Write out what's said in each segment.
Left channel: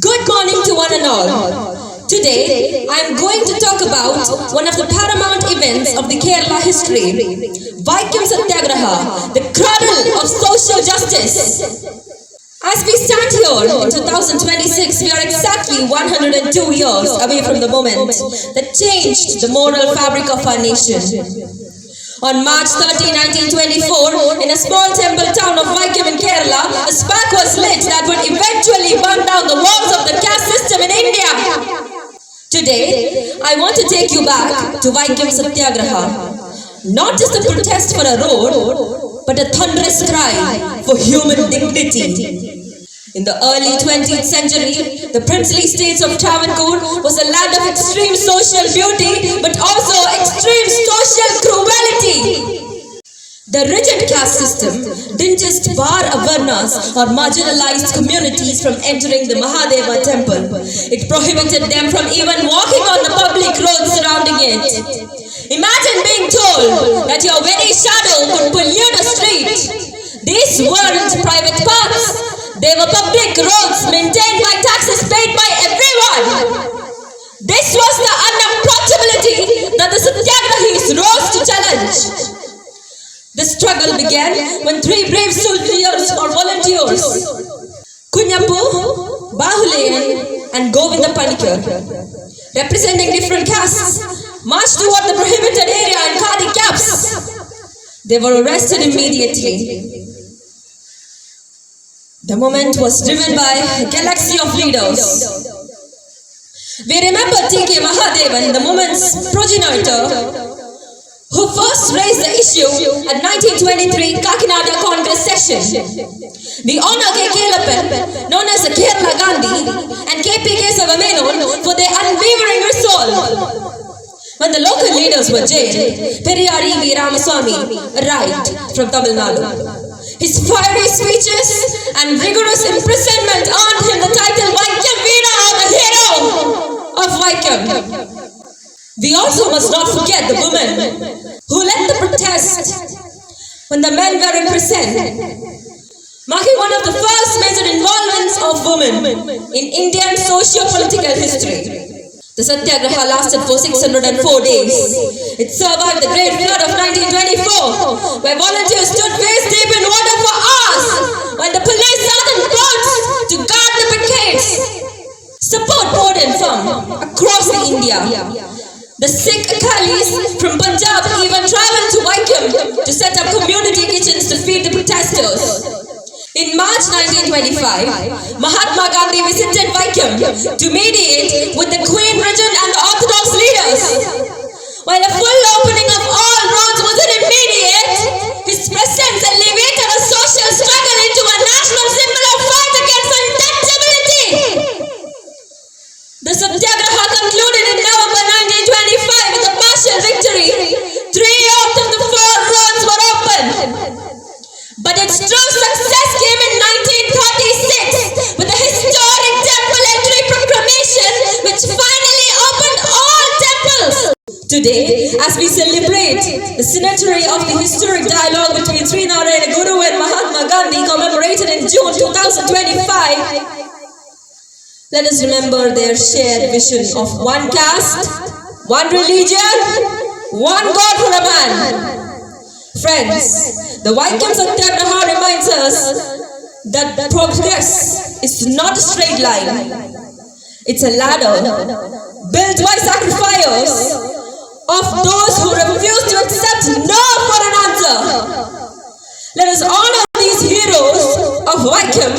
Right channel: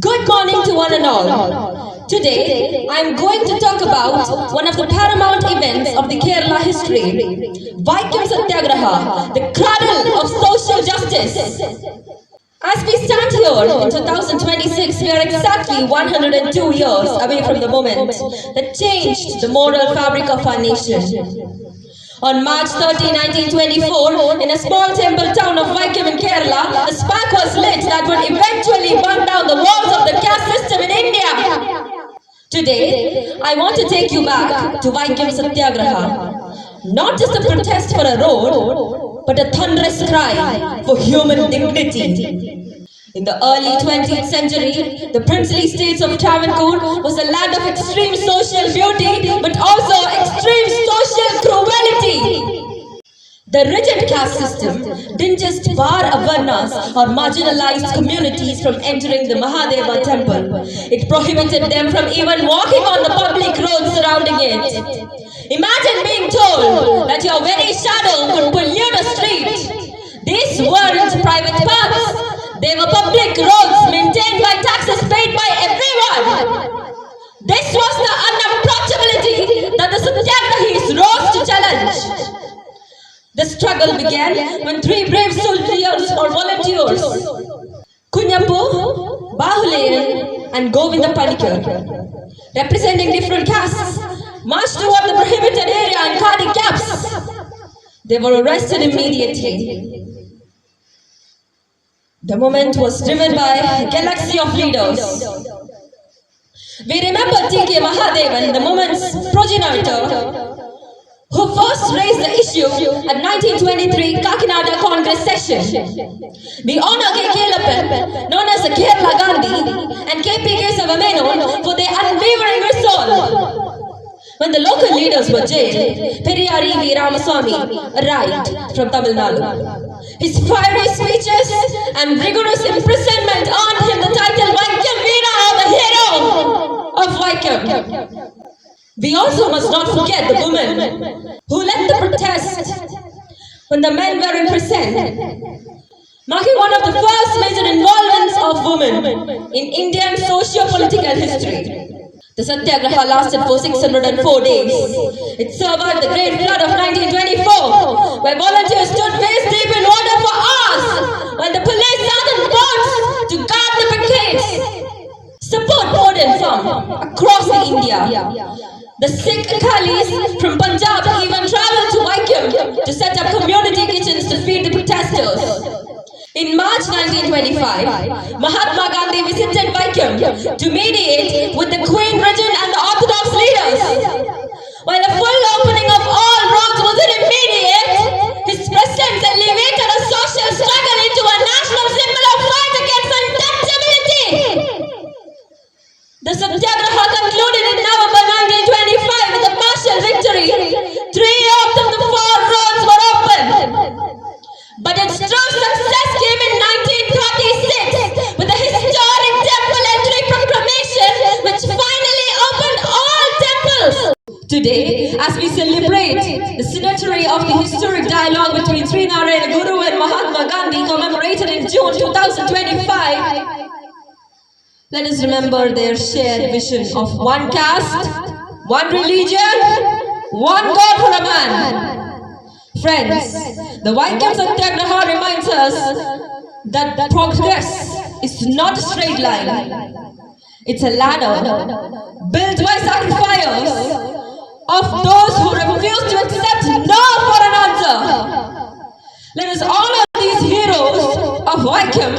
Good morning to one and all. Today, I am going to talk about one of the paramount events of the Kerala history, Vaikam Satyagraha, the cradle of social justice. As we stand here in 2026, we are exactly 102 years away from the moment that changed the moral fabric of our nation. On March 30, 1924, in a small temple town of Vaikam in Kerala, a spark was lit that would eventually burn down the walls of the caste system in India. Today, I want to take you back to Vaikam Satyagraha. Not just a protest for a road, but a thunderous cry for human dignity. In the early 20th century, the princely states of Travancore was a land of extreme social beauty, but also extreme social cruelty. The rigid caste system didn't just bar Avarnas or marginalized communities from entering the Mahadeva temple. It prohibited them from even walking on the public roads surrounding it. Imagine being told that your very shadow could pollute a street. These weren't private paths. They were public roads maintained by taxes paid by everyone. This was the unapproachability that the Satyagrahis rose to challenge. The struggle began when three brave soldiers or volunteers, Kunyapu, Bahuleyan and Govinda Panikar, representing different castes, marched toward the prohibited area in khadi caps. They were arrested immediately. The movement was driven by a galaxy of leaders. We remember T.K. Mahadevan, the movement's progenitor, who first raised the issue at 1923 Kakinada Congress session. We honor K. Kelappan, known as the Kerala Gandhi, and K.P. Kesava Menon for their unwavering resolve. When the local leaders were jailed, Periyar E.V. Ramaswamy arrived from Tamil Nadu. His fiery speeches and rigorous imprisonment earned him the title Vaikam Veera, or the hero of Vaikam. We also must not forget the women who led the protest when the men were in prison, marking one of the first major involvements of women in Indian socio-political history. The Satyagraha lasted for 604 days. It survived the Great Flood of 1924, where volunteers stood waist deep in water for hours, while the police sat in boats to guard the pickets. Support poured in from across India. The Sikh Akalis from Punjab even traveled to Vaikam to set up community kitchens to feed the protesters. In March 1925, Mahatma Gandhi visited Vaikam to mediate with the Queen Regent and the Orthodox leaders. While a full opening of all roads wasn't immediate, his presence elevated a social struggle into a national symbol of fight against untouchability. The Satyagraha concluded in November 1925 with a partial victory. 3 out of the 4 roads were open. But its true success came in 1936 with the historic temple entry proclamation, which finally opened all temples. Today, as we celebrate the centenary of the historic dialogue between Sri Narayana Guru and Mahatma Gandhi, commemorated in June 2025, let us remember their shared vision of one caste, one religion, one God for a man. Friends, the Vaikam Satyagraha reminds us that progress is not a straight line. It's a ladder built by sacrifice of those who refuse to accept no for an answer. Let us honor these heroes of Vaikam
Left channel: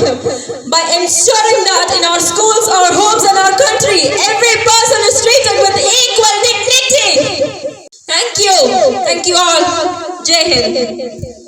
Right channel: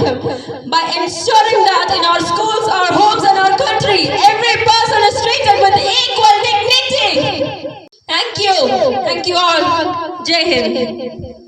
by ensuring that in our schools, our homes and our country, every person is treated with equal dignity. Thank you all. Jai Hind.